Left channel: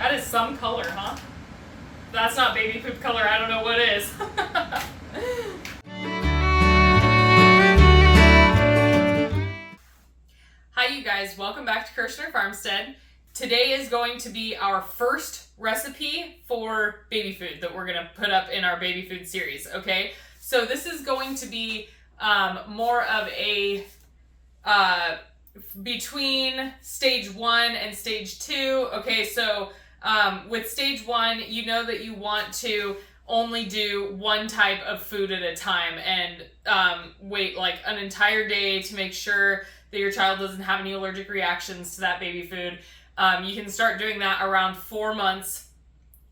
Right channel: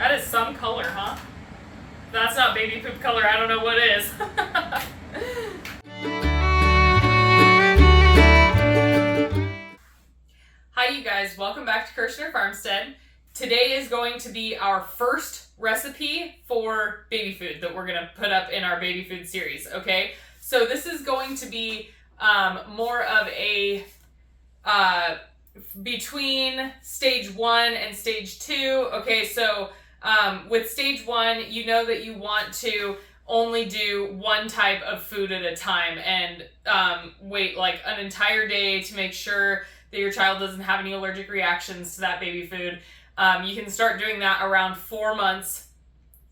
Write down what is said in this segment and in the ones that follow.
That is some color, huh? That's not baby poop color. I don't know what is. Hi, you guys. Welcome back to Kirshner Farmstead. Today is going to be our first recipe for baby food that we're going to put up in our baby food series, okay? So this is going to be more of a between stage 1 and stage 2. Okay, so with stage 1, you know that you want to only do one type of food at a time and wait like an entire day to make sure that your child doesn't have any allergic reactions to that baby food. You can start doing that around 4 months.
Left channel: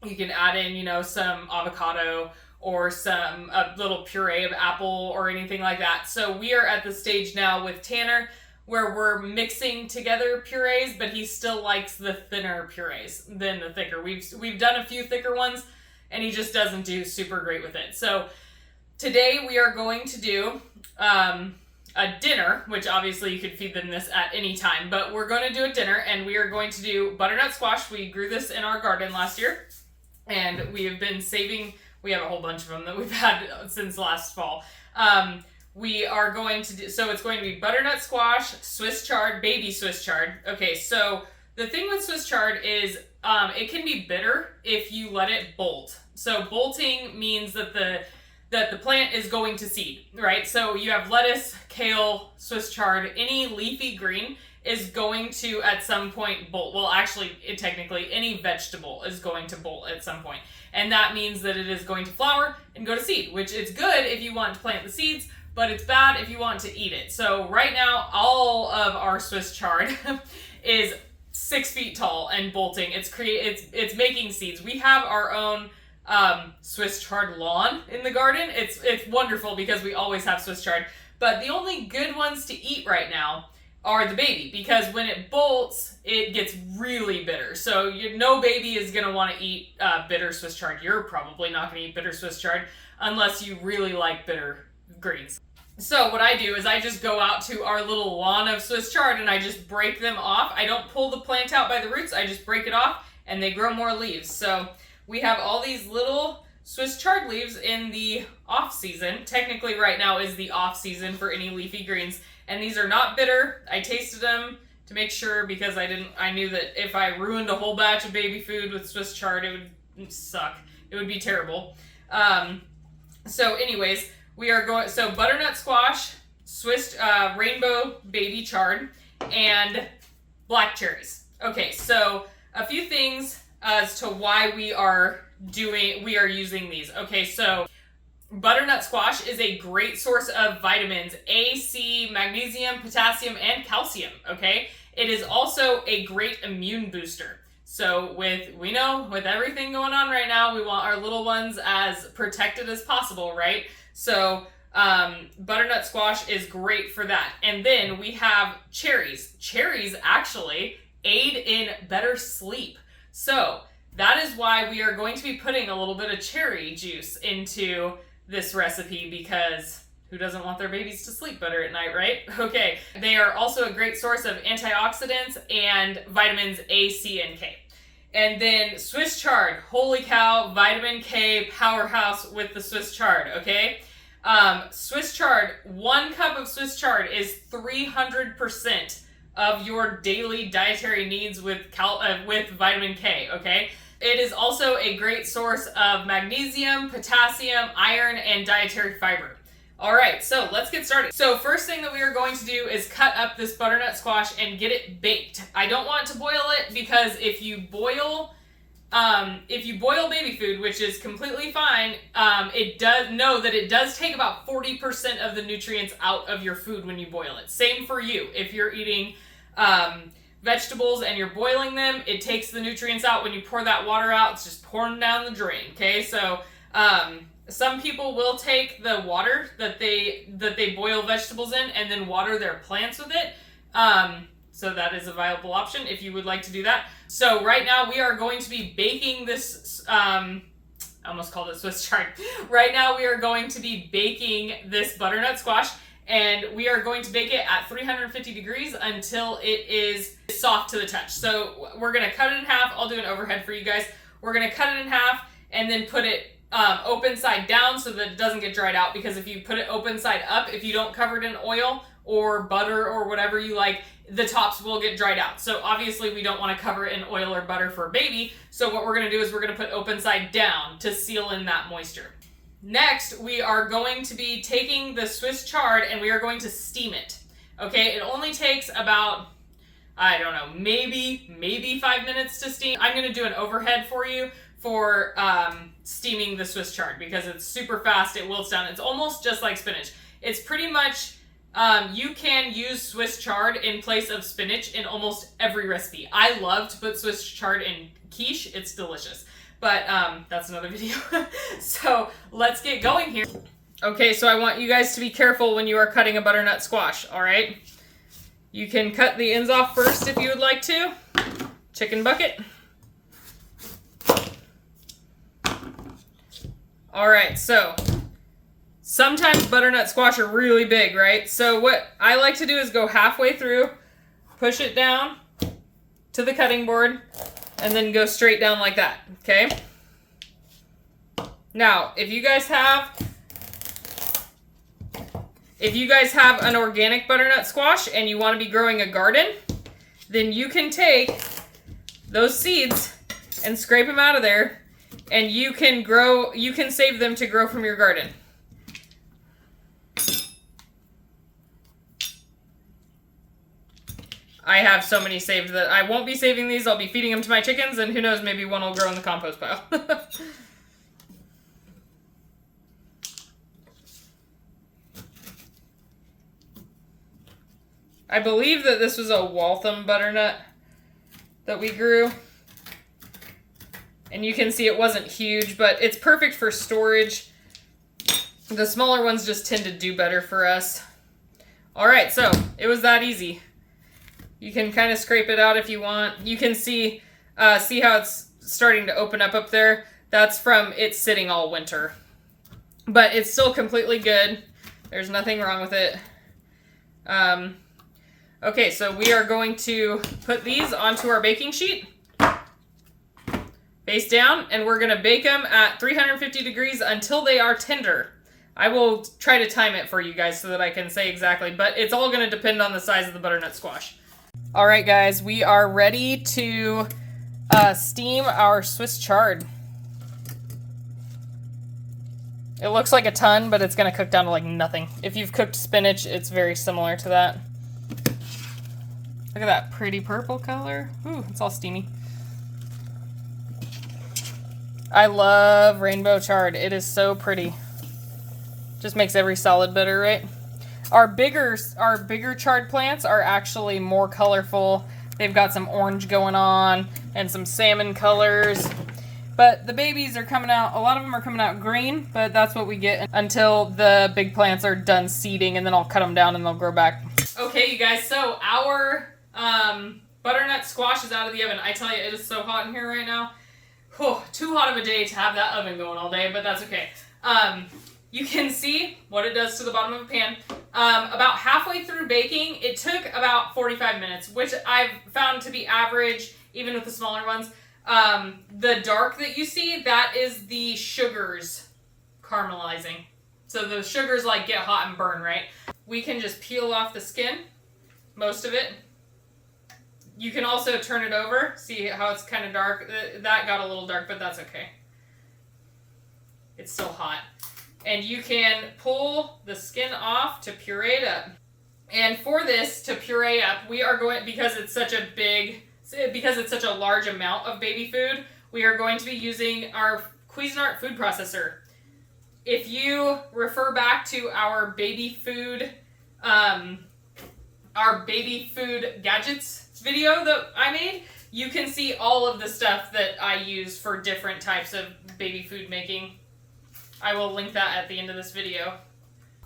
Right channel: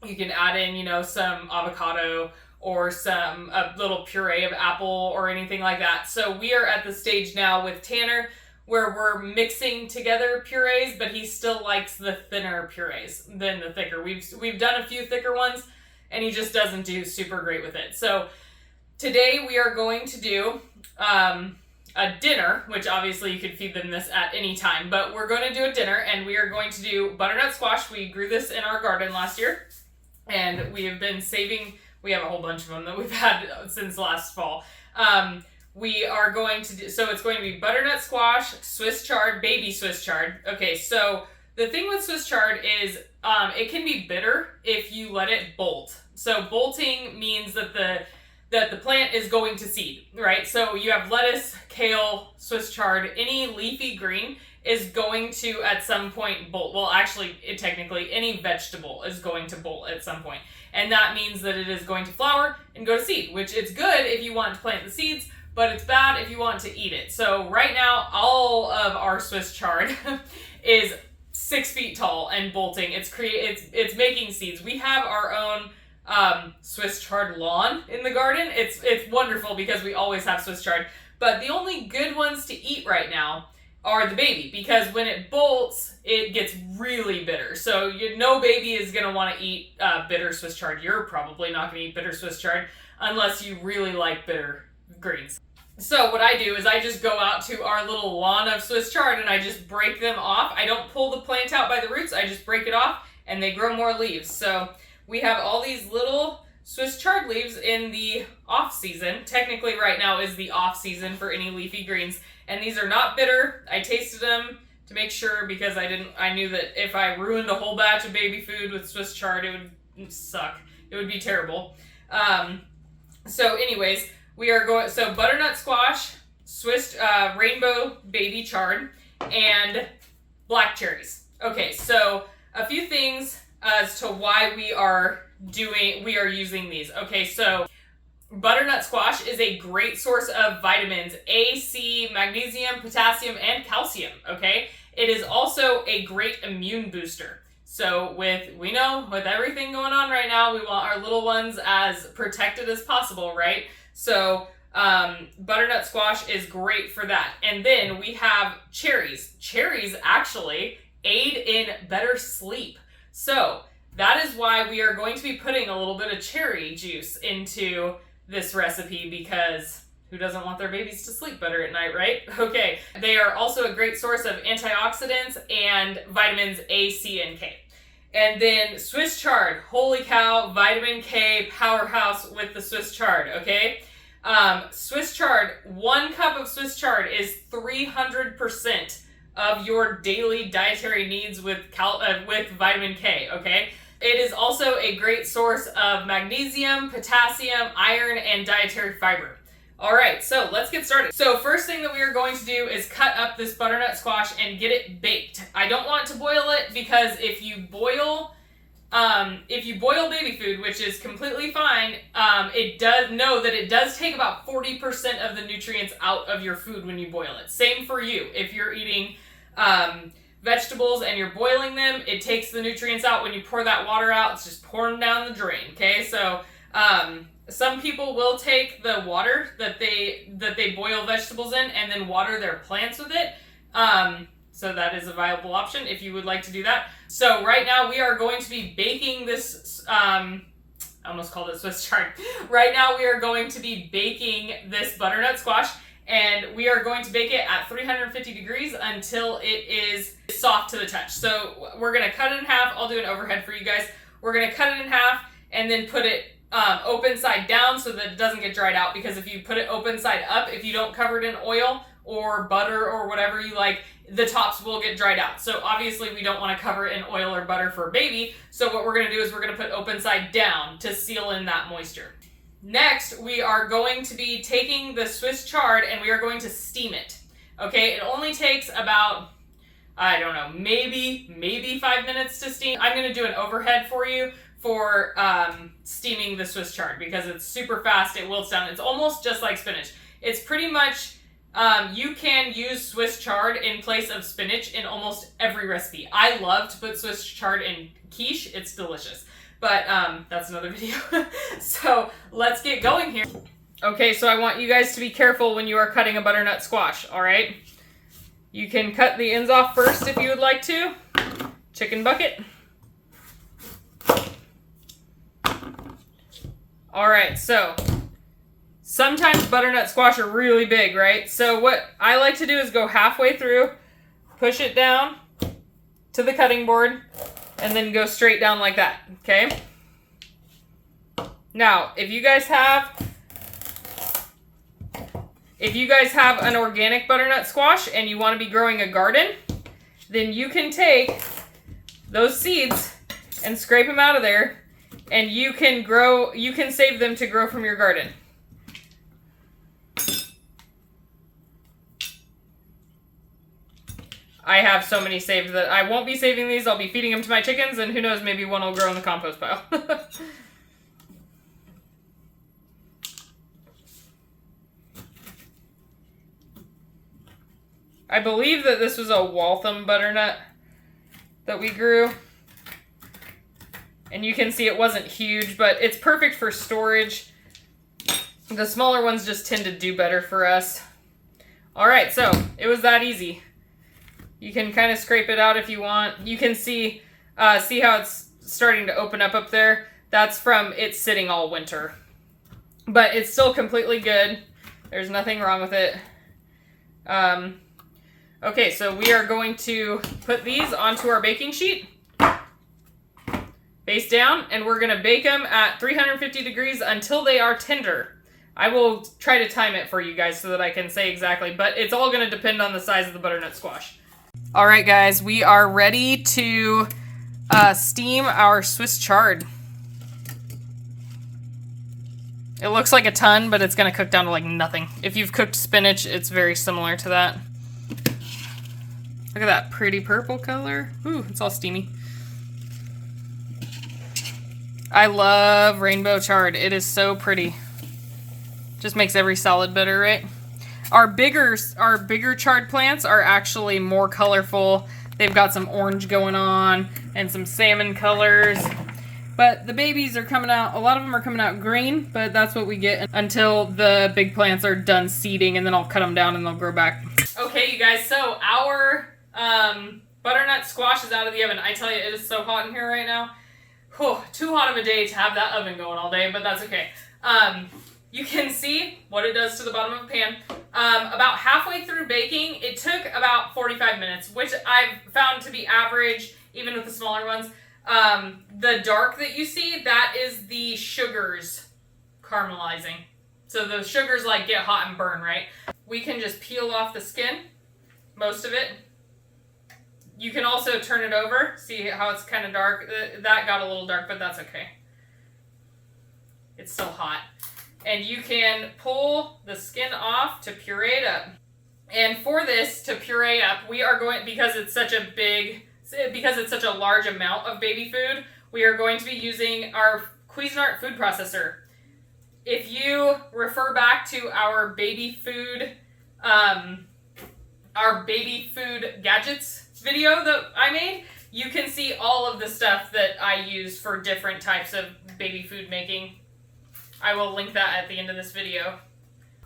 You can add in, you know, some avocado or a little puree of apple or anything like that. So we are at the stage now with Tanner where we're mixing together purees, but he still likes the thinner purees than the thicker. We've done a few thicker ones, and he just doesn't do super great with it. So today we are going to do a dinner, which obviously you could feed them this at any time, but we're going to do a dinner, and we are going to do butternut squash. We grew this in our garden last year, and we have been saving. We have a whole bunch of them that we've had since last fall. We are going to do, so it's going to be butternut squash, Swiss chard, baby Swiss chard. Okay, so the thing with Swiss chard is it can be bitter if you let it bolt. So bolting means that the plant is going to seed, right? So you have lettuce, kale, Swiss chard, any leafy green is going to at some point bolt. Well, actually, technically, any vegetable is going to bolt at some point. And that means that it is going to flower and go to seed, which it's good if you want to plant the seeds, but it's bad if you want to eat it. So right now, all of our Swiss chard is 6 feet tall and bolting. It's making seeds. We have our own Swiss chard lawn in the garden. It's wonderful because we always have Swiss chard. But the only good ones to eat right now are the baby, because when it bolts, it gets really bitter. So no baby is going to want to eat bitter Swiss chard. You're probably not going to eat bitter Swiss chard unless you really like bitter greens. So what I do is I just go out to our little lawn of Swiss chard and I just break them off. I don't pull the plant out by the roots. I just break it off and they grow more leaves. So we have all these little Swiss chard leaves in the off season. Technically right now is the off season for any leafy greens. And these are not bitter. I tasted them to make sure because I knew that if I ruined a whole batch of baby food with Swiss chard, it would suck. It would be terrible. So anyways, we are going, so butternut squash, Swiss rainbow baby chard, and black cherries. Okay, so a few things as to why we are using these. Okay, so butternut squash is a great source of vitamins A, C, magnesium, potassium, and calcium, okay? It is also a great immune booster. So with everything going on right now, we want our little ones as protected as possible, right? So butternut squash is great for that. And then we have cherries. Cherries actually aid in better sleep. So that is why we are going to be putting a little bit of cherry juice into this recipe, because who doesn't want their babies to sleep better at night, right? Okay. They are also a great source of antioxidants and vitamins A, C, and K. And then Swiss chard, holy cow, vitamin K powerhouse with the Swiss chard, okay? Swiss chard, 1 cup of Swiss chard is 300% of your daily dietary needs with vitamin K, okay? It is also a great source of magnesium, potassium, iron, and dietary fiber. All right, so let's get started. So first thing that we are going to do is cut up this butternut squash and get it baked. I don't want to boil it because if you boil baby food, which is completely fine, it does take about 40% of the nutrients out of your food when you boil it. Same for you. If you're eating vegetables and you're boiling them, it takes the nutrients out. When you pour that water out, it's just pouring down the drain, okay? So some people will take the water that they boil vegetables in and then water their plants with it. So that is a viable option if you would like to do that. So right now we are going to be baking this, I almost called it Swiss chard. Right now we are going to be baking this butternut squash, and we are going to bake it at 350 degrees until it is soft to the touch. So we're gonna cut it in half. I'll do an overhead for you guys. We're gonna cut it in half and then put it open side down so that it doesn't get dried out, because if you put it open side up, if you don't cover it in oil or butter or whatever you like, the tops will get dried out. So obviously we don't want to cover it in oil or butter for a baby. So what we're going to do is we're going to put open side down to seal in that moisture. Next, we are going to be taking the Swiss chard and we are going to steam it. Okay, it only takes about, I don't know, maybe 5 minutes to steam. I'm going to do an overhead for you for steaming the Swiss chard because it's super fast. It wilts down. It's almost just like spinach. It's pretty much, you can use Swiss chard in place of spinach in almost every recipe. I love to put Swiss chard in quiche. It's delicious. But that's another video. So let's get going here. Okay, so I want you guys to be careful when you are cutting a butternut squash, all right? You can cut the ends off first if you would like to. Chicken bucket. All right, so sometimes butternut squash are really big, right? So what I like to do is go halfway through, push it down to the cutting board, and then go straight down like that, okay? Now, if you guys have an organic butternut squash and you want to be growing a garden, then you can take those seeds and scrape them out of there, and you can save them to grow from your garden. I have so many saved that I won't be saving these. I'll be feeding them to my chickens, and who knows, maybe one will grow in the compost pile. I believe that this was a Waltham butternut that we grew. And you can see it wasn't huge, but it's perfect for storage. The smaller ones just tend to do better for us. All right, so it was that easy. You can kind of scrape it out if you want. You can see how it's starting to open up there. That's from it sitting all winter. But it's still completely good. There's nothing wrong with it. Okay, so we are going to put these onto our baking sheet. Face down, and we're going to bake them at 350 degrees until they are tender. I will try to time it for you guys so that I can say exactly, but it's all going to depend on the size of the butternut squash. All right, guys, we are ready to steam our Swiss chard. It looks like a ton, but it's going to cook down to like nothing. If you've cooked spinach, it's very similar to that. Look at that pretty purple color. Ooh, it's all steamy. I love rainbow chard. It is so pretty. Just makes every salad better, right? Our bigger chard plants are actually more colorful. They've got some orange going on and some salmon colors. But the babies are coming out, a lot of them are coming out green, but that's what we get until the big plants are done seeding, and then I'll cut them down and they'll grow back. Okay, you guys, so our butternut squash is out of the oven. I tell you, it is so hot in here right now. Whew, too hot of a day to have that oven going all day, but that's okay. You can see what it does to the bottom of a pan. About halfway through baking, it took about 45 minutes, which I've found to be average, even with the smaller ones. The dark that you see, that is the sugars caramelizing. So the sugars like get hot and burn, right? We can just peel off the skin, most of it. You can also turn it over, see how it's kind of dark. That got a little dark, but that's okay. It's still hot. And you can pull the skin off to puree it up. And for this to puree up, we are going, because it's such a large amount of baby food, we are going to be using our Cuisinart food processor. If you refer back to our baby food gadgets video that I made, you can see all of the stuff that I use for different types of baby food making. I will link that at the end of this video.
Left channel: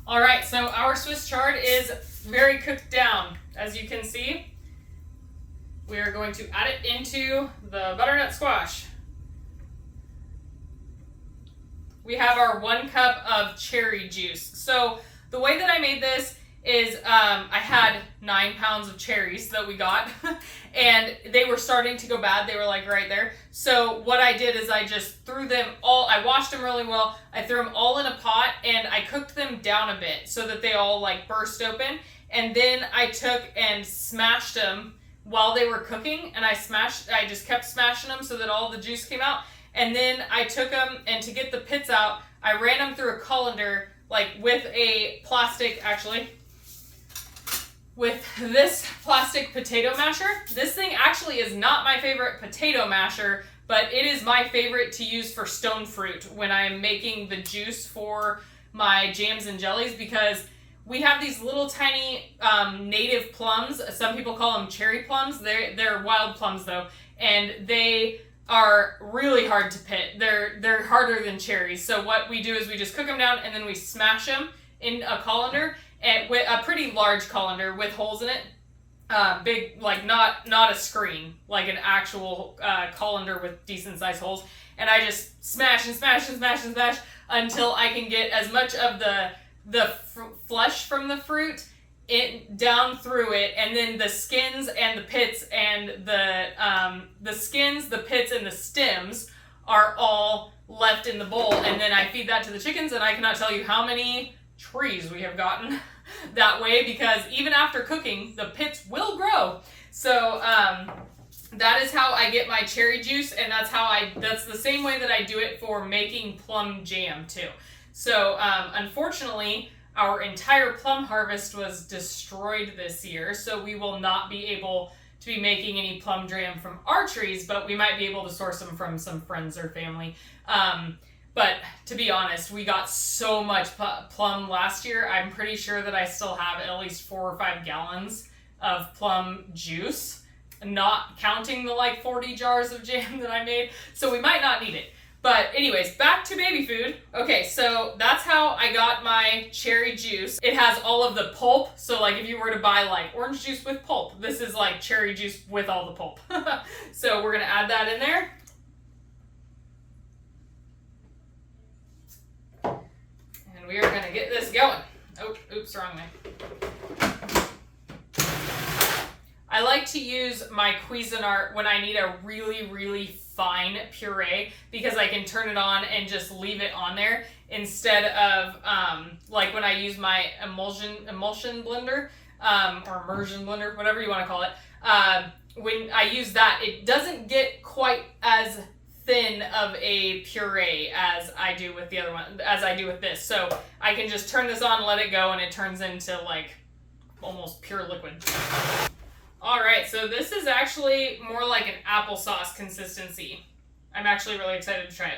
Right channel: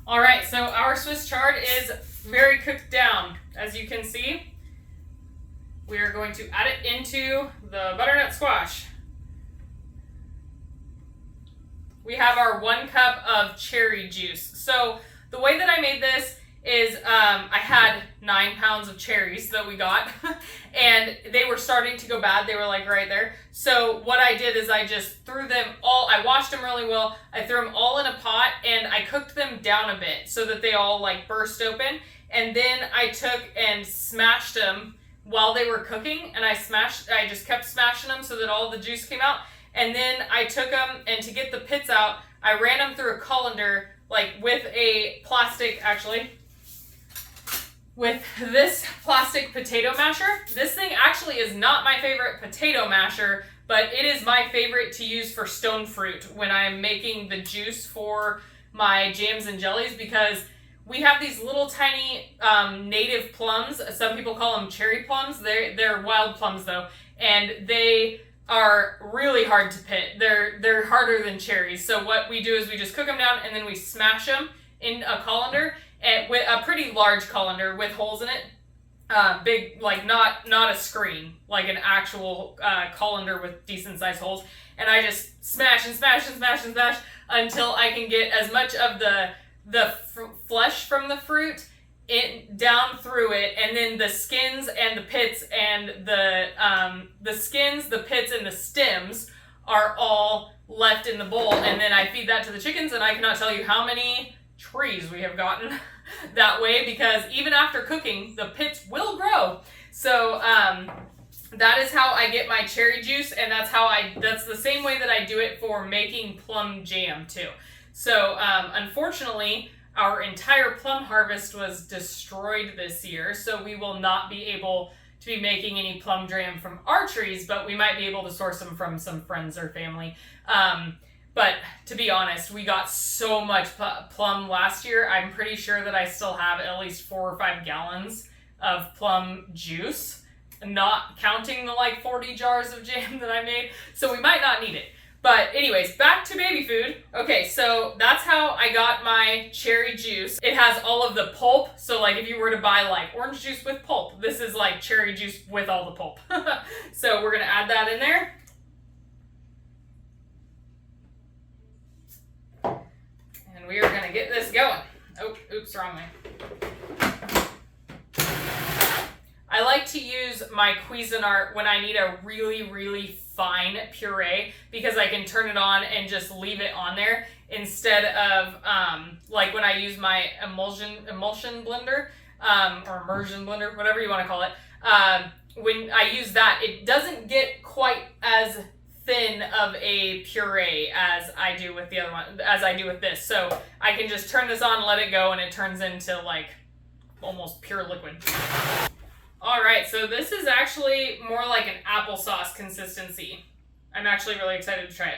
All right, so our Swiss chard is very cooked down. As you can see, we are going to add it into the butternut squash. We have our 1 cup of cherry juice. So the way that I made this is I had 9 pounds of cherries that we got and they were starting to go bad. They were like right there. So what I did is I just threw them all, I washed them really well. I threw them all in a pot and I cooked them down a bit so that they all like burst open. And then I took and smashed them while they were cooking, and I just kept smashing them so that all the juice came out. And then I took them, and to get the pits out, I ran them through a colander, like with a plastic, actually, with this plastic potato masher. This thing actually is not my favorite potato masher, but it is my favorite to use for stone fruit when I'm making the juice for my jams and jellies, because we have these little tiny native plums. Some people call them cherry plums. They're wild plums though, and they are really hard to pit. They're harder than cherries. So what we do is we just cook them down and then we smash them in a colander, and with a pretty large colander with holes in it. Big, like not a screen, like an actual colander with decent sized holes. And I just smash and smash and smash and smash until I can get as much of the flesh from the fruit down through it, and then the skins and the pits and the skins, the pits, and the stems are all left in the bowl. And then I feed that to the chickens, and I cannot tell you how many trees we have gotten that way, because even after cooking, the pits will grow. So that is how I get my cherry juice, and that's the same way that I do it for making plum jam too. So unfortunately, our entire plum harvest was destroyed this year, so we will not be able to be making any plum jam from our trees, but we might be able to source them from some friends or family. But to be honest, we got so much plum last year. I'm pretty sure that I still have at least 4 or 5 gallons of plum juice, not counting the like 40 jars of jam that I made, so we might not need it. But anyways, back to baby food. Okay, so that's how I got my cherry juice. It has all of the pulp. So like if you were to buy like orange juice with pulp, this is like cherry juice with all the pulp. So we're gonna add that in there. And we are gonna get this going. Oh, oops, wrong way. I like to use my Cuisinart when I need a really, really fine puree, because I can turn it on and just leave it on there instead of like when I use my emulsion blender or immersion blender, whatever you want to call it. When I use that, it doesn't get quite as thin of a puree as I do with the other one, as I do with this. So I can just turn this on, let it go, and it turns into like almost pure liquid. All right, so this is actually more like an applesauce consistency. I'm actually really excited to try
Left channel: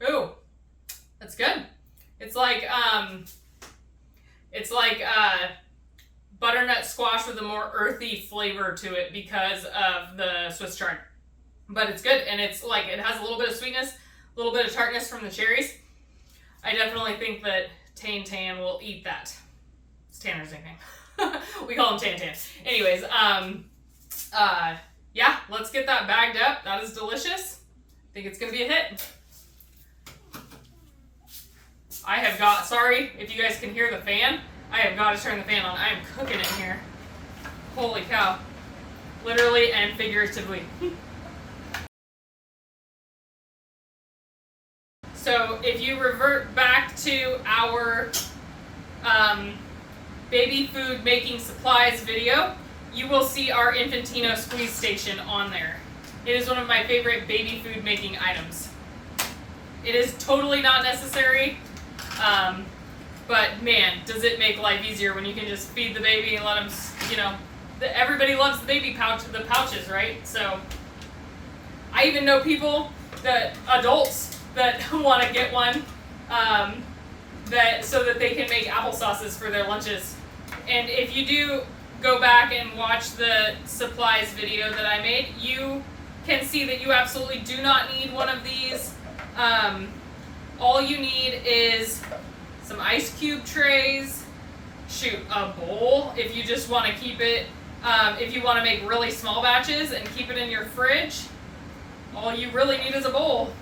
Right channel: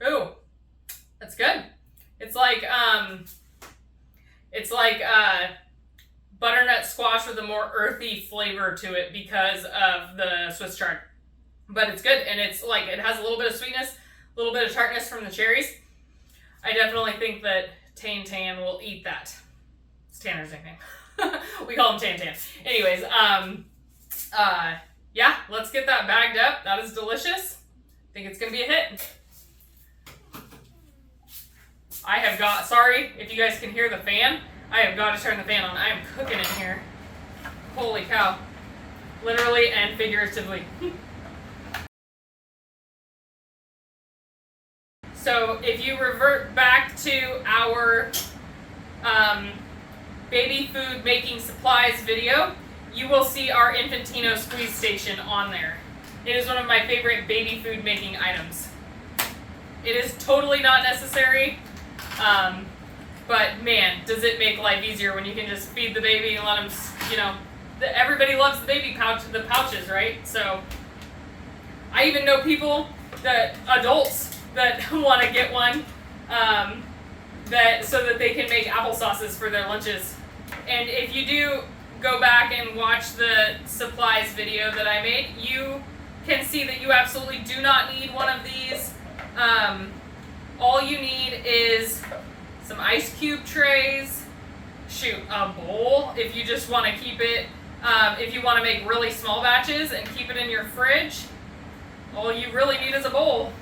it. Ooh, that's good. It's like butternut squash with a more earthy flavor to it because of the Swiss chard. But it's good, and it's like, it has a little bit of sweetness, a little bit of tartness from the cherries. I definitely think that Tan will eat that. Tanner's nickname. We call him Tan. Anyways, yeah, let's get that bagged up. That is delicious. I think it's gonna be a hit. Sorry if you guys can hear the fan. I have got to turn the fan on. I am cooking in here. Holy cow. Literally and figuratively. So if you revert back to our baby food making supplies video, you will see our Infantino squeeze station on there. It is one of my favorite baby food making items. It is totally not necessary, but man, does it make life easier when you can just feed the baby and let them, you know, everybody loves the baby pouches, right? So I even know adults that want to get one, so that they can make applesauces for their lunches. And if you do go back and watch the supplies video that I made, you can see that you absolutely do not need one of these. All you need is some ice cube trays, a bowl if you just want to keep it, if you want to make really small batches and keep it in your fridge. All you really need is a bowl.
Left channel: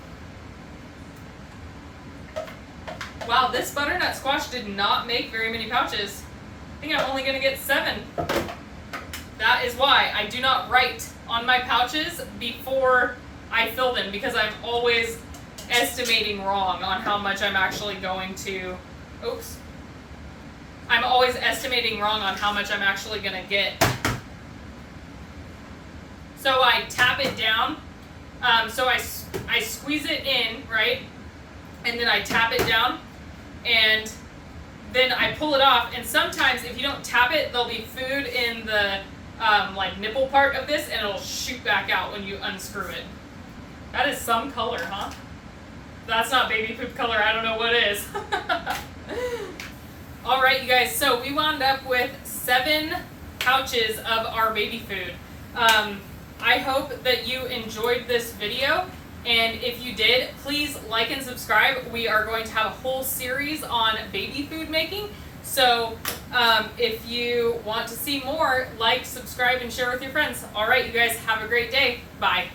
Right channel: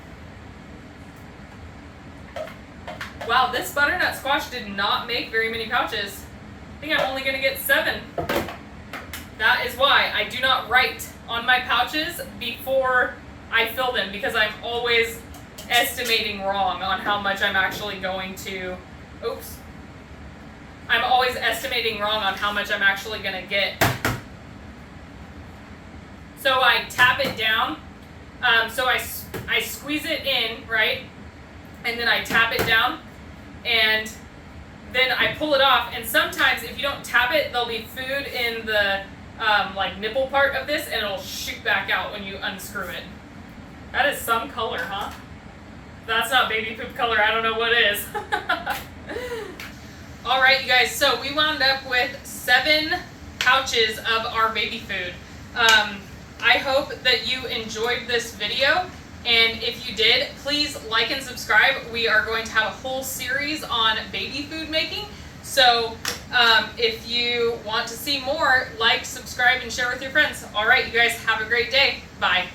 Wow, this butternut squash did not make very many pouches. I think I'm only gonna get 7. That is why I do not write on my pouches before I fill them, because I'm always estimating wrong on how much I'm actually going to, oops. I'm always estimating wrong on how much I'm actually gonna get. So I tap it down, so I squeeze it in, right? And then I tap it down, and then I pull it off. And sometimes if you don't tap it, there'll be food in the like nipple part of this, and it'll shoot back out when you unscrew it. That is some color, huh? That's not baby poop color, I don't know what is. All right, you guys, so we wound up with 7 pouches of our baby food. I hope that you enjoyed this video, and if you did, please like and subscribe. We are going to have a whole series on baby food making, so if you want to see more, like, subscribe, and share with your friends. All right, you guys, have a great day. Bye.